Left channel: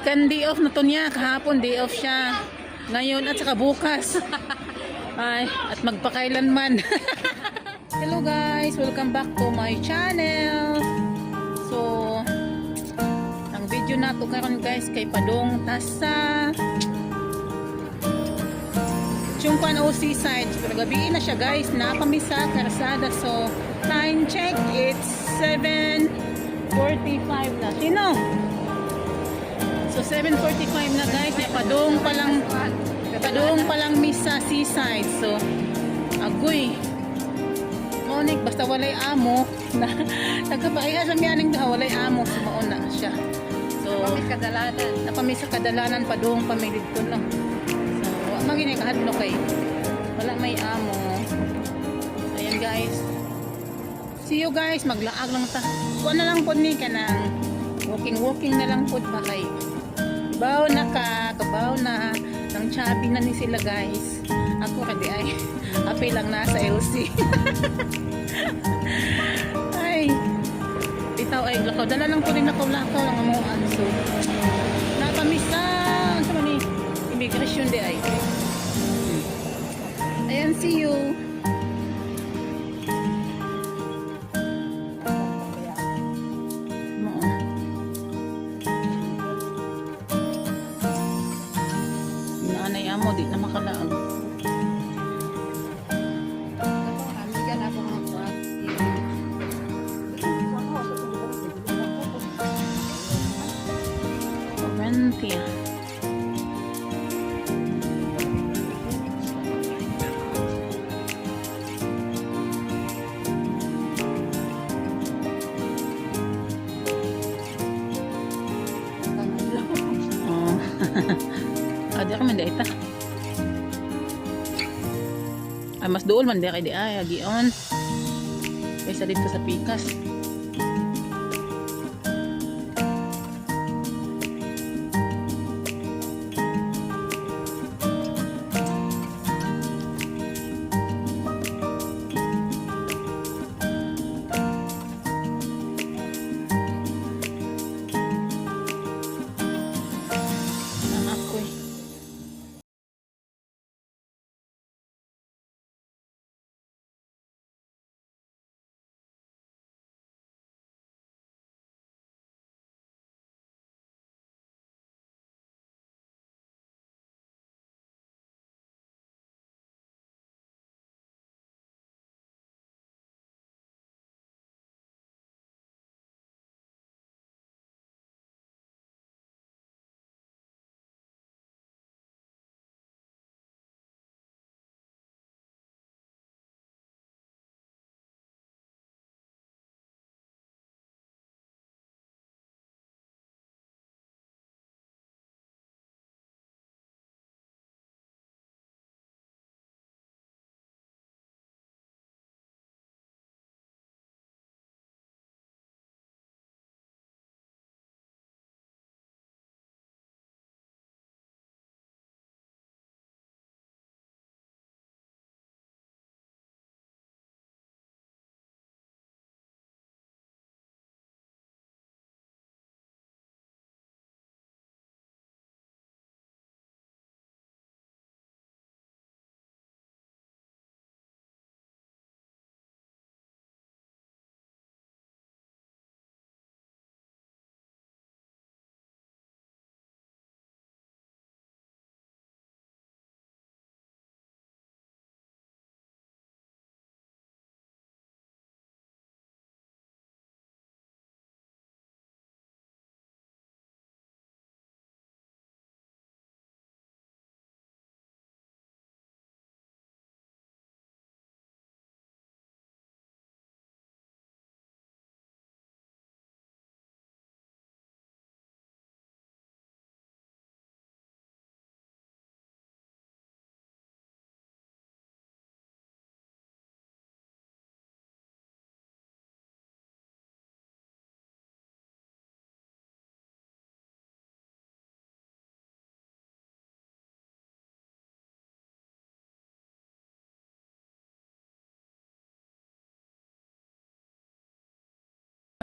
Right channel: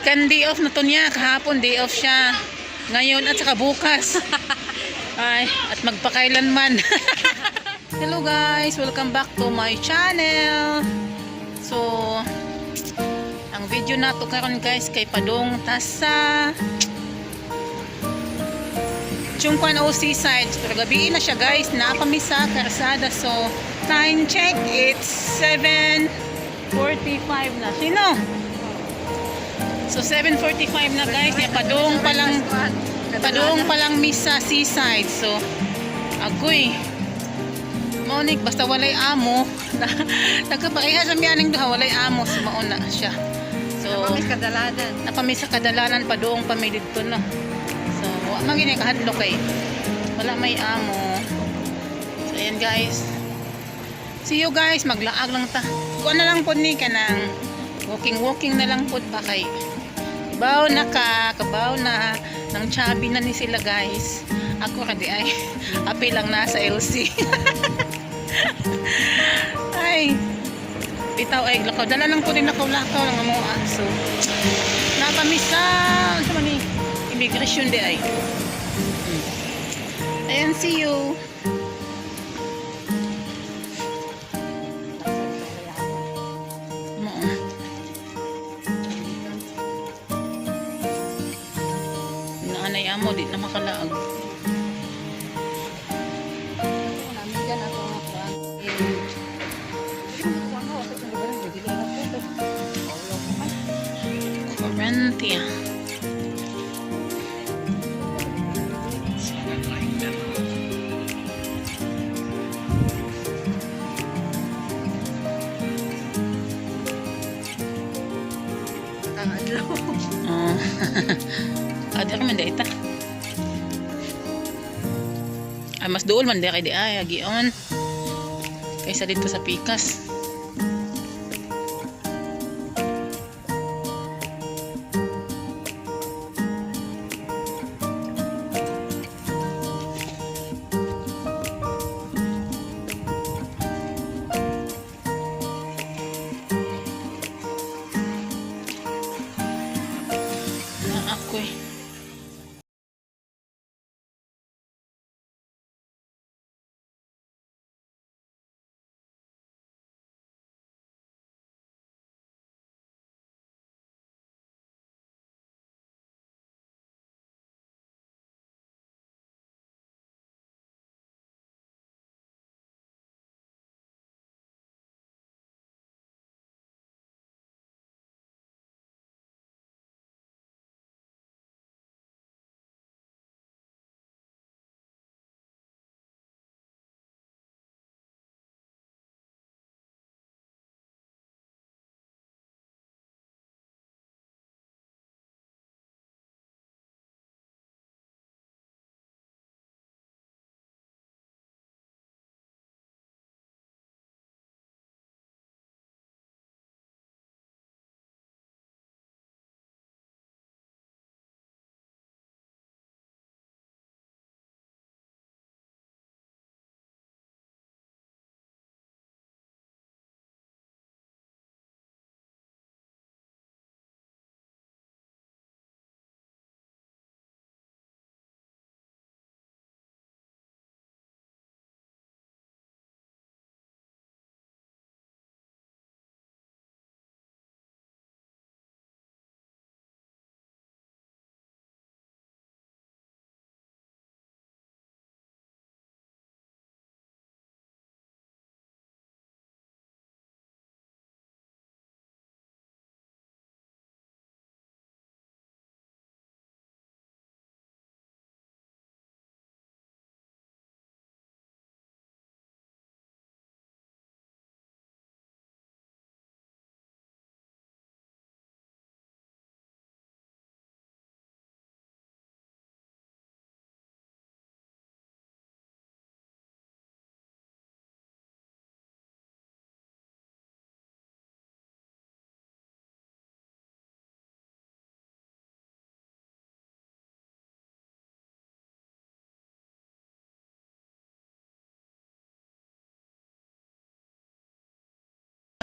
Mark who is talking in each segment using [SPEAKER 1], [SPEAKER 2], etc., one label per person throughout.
[SPEAKER 1] Si day off na to niya. Kahapon day off siya. Ngayon at saka bukas. Ay, at magpakailanman. Hello guys, welcome back to my channel. So, ang video na to karon guys kay Padong Tasa. Chungkwan o seaside. Pero gabi na siya guys. Napamisa, karsada. So, time check. It's 7.45 na. Sino? So 7.45 na guys, ya padung pa lang padung pa lang miss sa seaside. So agoy. Monik basta walay amo. Na, nagkapakiha sa miyaning duha walay amo so mauna siya. So
[SPEAKER 2] kadalanan.
[SPEAKER 1] napamiss sa kadalanan padung pami didto no. So wa man gini kahadlo kay wala may amo. So ayan guys. See you guys, maglaag lang ta. Kuha na lang po ni kanang walking walking na lang po ba kay Kabaw na ka, kabaw na. Nang chubby na ni sila guys. Ako kadi ay, api lang nasa LC. ay, bitaw ay lakaw. Dala lang po din lakaw-lakaw lang mo So, napamisa. Sa man ni, immigration di ay. Hmm. Ayan, see you. Di na makalaag. Corinthia. Oh. Ada ka man di ita. Ah, mas dool man di kay di ay agion. Kaysa dito sa Pikas. Na eh.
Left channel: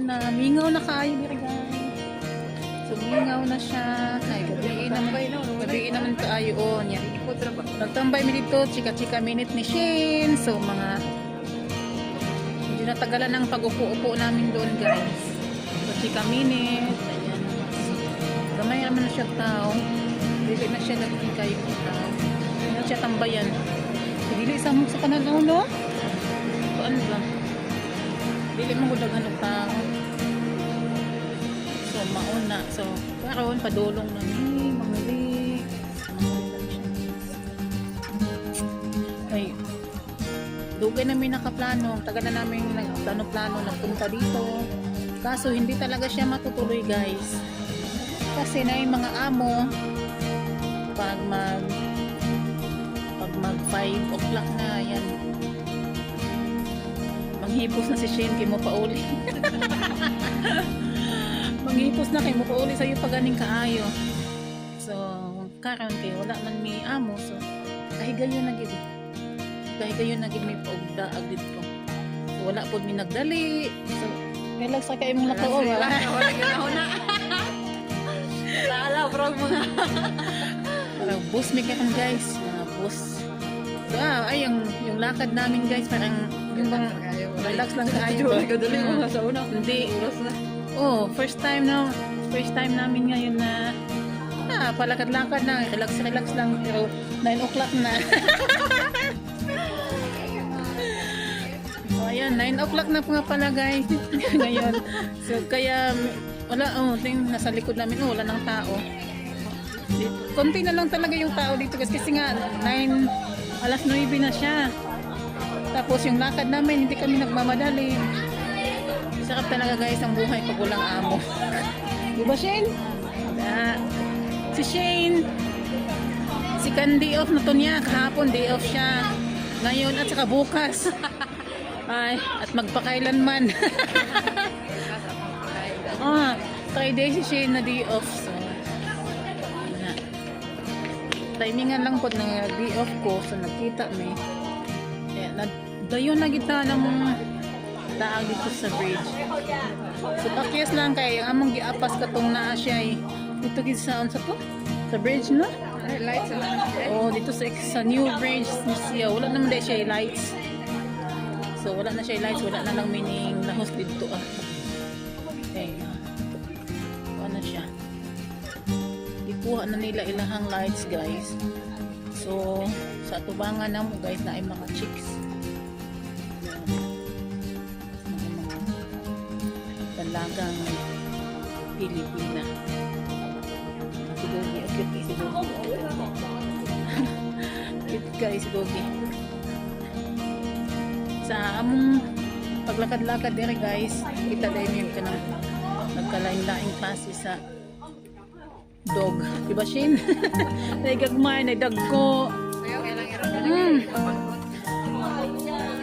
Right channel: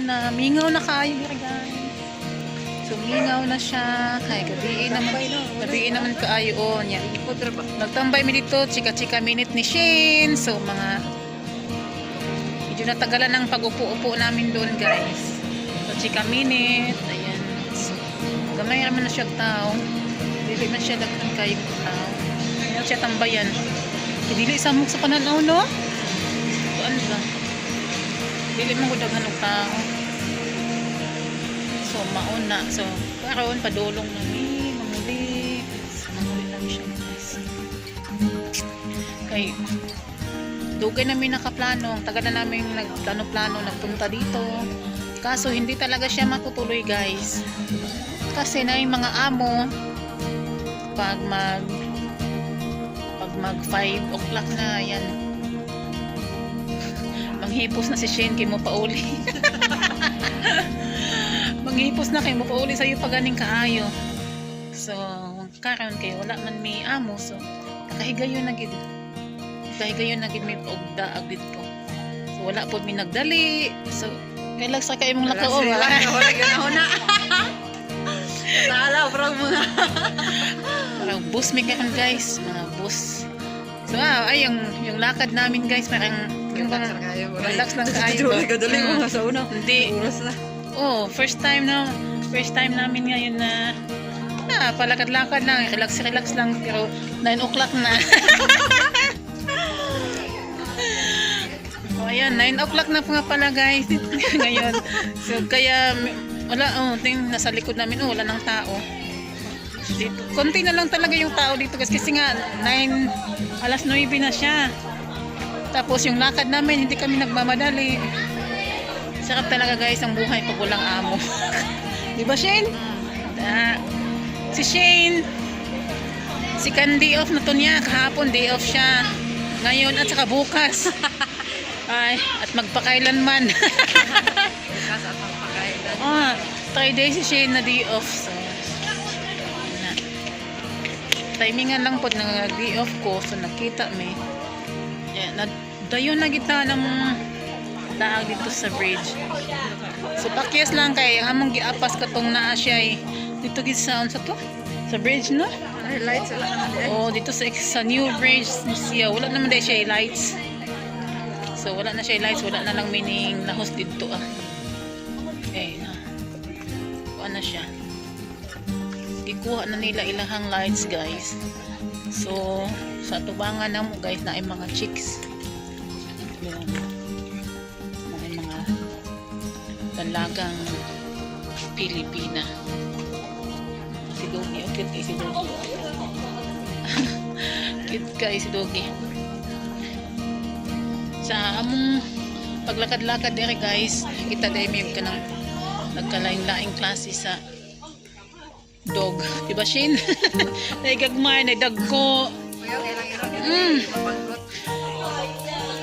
[SPEAKER 1] Na mingaw na kayo diri guys so Sumingaw na siya. Kay gabi naman. Gabi naman kaayo o niya. Nagtambay mi dito, chika-chika minute ni Shane. So mga medyo natagalan ng pag-upo-upo namin doon guys. So chika minute. Ayan. So, gamay naman na siya tao. Dili na siya daghan kayo tao. Ayan siya tambayan. Dili sa mong sa pananaw no? So ano ba? Dili man ko daghan og tao. So mauna. So karon padulong na ni mamuli. So, mamuli lang siya guys. Kay dugay namin nakaplano. Ang tagal na namin nagplano-plano nagpunta dito. Kaso hindi talaga siya matutuloy guys. Kasi na yung mga amo pag mag pag mag 5 o'clock na yan manghipos na si Shane kay mo pauli manghipos na kay mo pauli sa'yo pag ganing kaayo. So karon kay wala man may amo so kahigayon na gid. Kahigayon na gid may paugdaag dito. So wala pod mi nagdali. So kailag sa kay mong lakaw ba
[SPEAKER 2] Naala, bro mo na.
[SPEAKER 1] parang bus may karon guys mga bus. So ah, ay yung yung lakad namin guys parang yung bang relax lang kaayo ba
[SPEAKER 2] Kadali mo
[SPEAKER 1] Mm.
[SPEAKER 2] nga sa una.
[SPEAKER 1] hindi
[SPEAKER 2] na.
[SPEAKER 1] Oh, first time na first time namin ngayon na ah, palakad-lakad lang, relax-relax lang pero 9 o'clock na. oh, ayan, 9 o'clock na po nga pala guys ngayon. So kaya wala oh, ting nasa likod namin oh, wala nang tao. Dito. Konti na lang talaga yung tao dito guys kasi nga 9 alas 9 na siya. Tapos yung lakad namin hindi kami nagmamadali. Sarap talaga guys ang buhay pag walang amo. Di ba Shane? Da. Si Shane, si Candy off na to niya. Kahapon day off siya. Ngayon at saka bukas. Ay, at magpakailanman.
[SPEAKER 2] Kasi at pagpakain.
[SPEAKER 1] ah, Friday si Shane na day off. So, na. Timingan lang po ng day off ko. So, nakita may. Yeah, na, dayon na kita ng daag dito sa bridge. So, pakyas lang kay among giapas katong naa siya ay dito gid sa sa to? Sa bridge no?
[SPEAKER 2] Lights.
[SPEAKER 1] Oh, dito sa, sa new bridge siya. Wala naman dahil siya lights. So, wala na siya lights. Wala na lang meaning lahos dito ah. Okay na. Kuha na siya. Gikuha na nila ilahang lights guys. So, sa tubangan na mo guys na ay mga chicks. Yan. Mga mga dalagang Pilipina. Si Dogi. Ang cute kay si Dogi. cute kay si Dogi. Sa among paglakad-lakad dire guys, kita dahil may ka ng nagkalaing-laing klase sa dog. Diba Shin? Naigagmay, naidagko. Mm.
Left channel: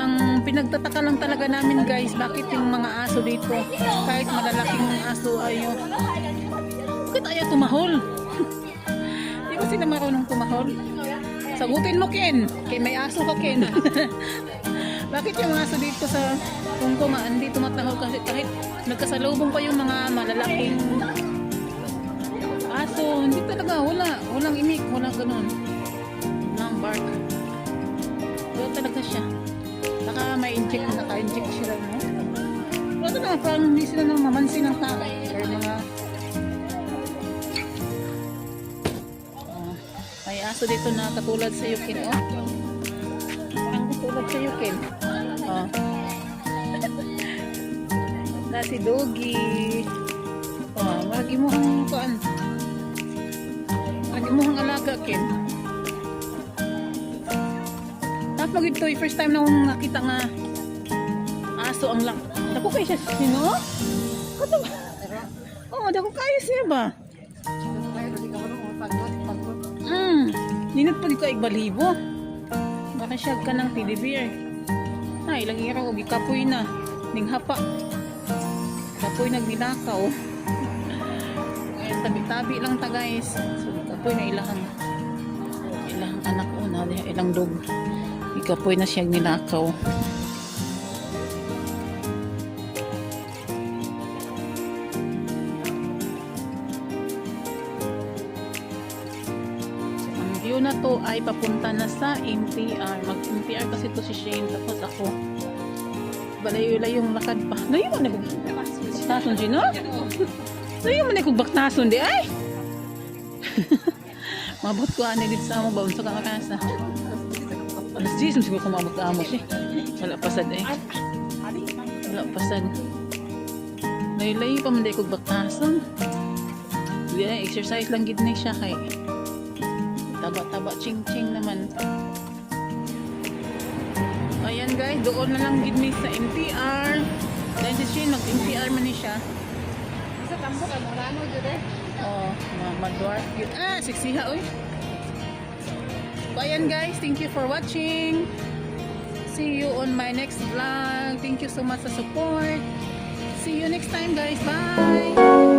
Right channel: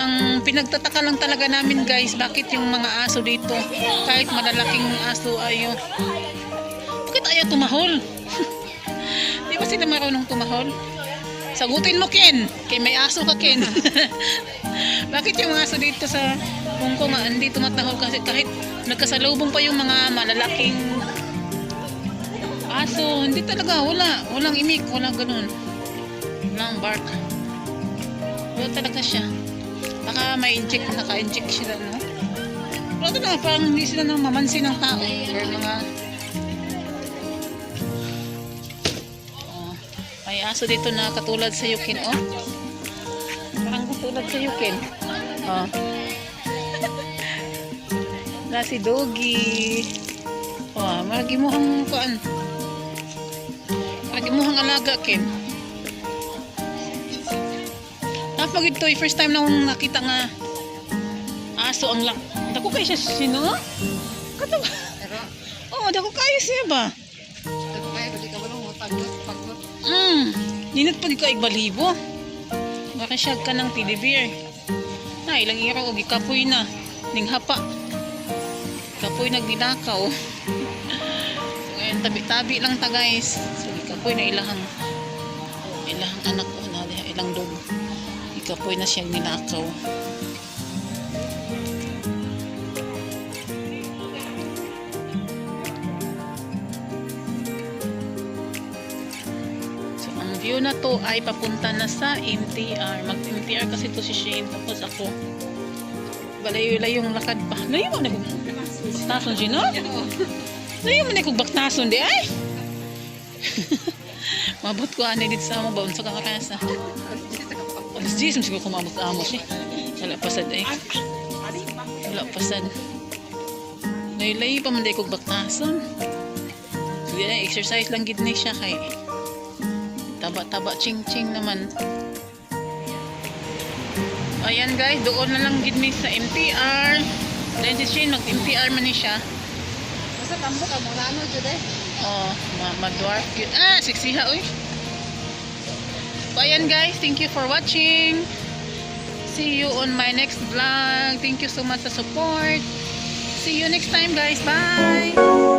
[SPEAKER 1] Ang pinagtataka lang talaga namin guys, bakit yung mga aso dito, kahit malalaking aso ayo, bakit ayaw tumahol? Di ba sila marunong tumahol? Sagutin mo Ken, kay may aso ka Ken. bakit yung aso dito sa Hong Kong ah, hindi tumatahol kasi kahit nagkasalubong pa yung mga malalaking aso, hindi talaga, wala, walang imik, walang ganun. Walang bark. Wala talaga siya. Baka may inject, naka-inject sila, no? Wala talaga, parang hindi sila nang mamansin ng tao. Or mga... Oh, may aso dito na katulad sa Yukin, oh. Parang katulad sa Yukin. Oh. Na si Doggy. Oh, maragi mo ang kuan. Ang alaga, Ken. Tapos pag ito, first time na akong nakita nga aso ang lang. Dako kayo siya sino? Kato ba? Oh, dako kayo siya ba? Hmm, dinat pa di ko igbalibo. Baka siya ka ng teddy bear. Na, ilang iraw, og ikapoy na. Ning hapa. Kapoy nagninakaw. Ngayon, tabi-tabi lang ta guys. So, kapoy na ilahang ilahang anak o na ilang dog. Ikapoy na siyang ninakaw. So ang view na to ay papunta na sa MTR mag MTR kasi to si Shane tapos ako. Balayo-layo yung lakad pa ngayon mo na kung baknason Gino? ngayon mo na kung baknason di ay? Mabot ko ani dito sa amo, baon sa kakakasa. Alas 10, siguro kung mabot amo siya. Wala pasad eh. Wala pasad. Layo-layo pa man baktason. Sige na, exercise lang gid na siya kay taba-taba ching-ching naman. Ayan guys, doon na lang gid mi sa MTR. Dahil si Shane mag-MTR man ni siya.
[SPEAKER 2] Basta kambok ang mga ano dyan eh.
[SPEAKER 1] Oh, ma madwarf yun. Ah, siksiha oy. So ayan guys, thank you for watching. See you on my next vlog. Thank you so much sa support. See you next time guys. Bye.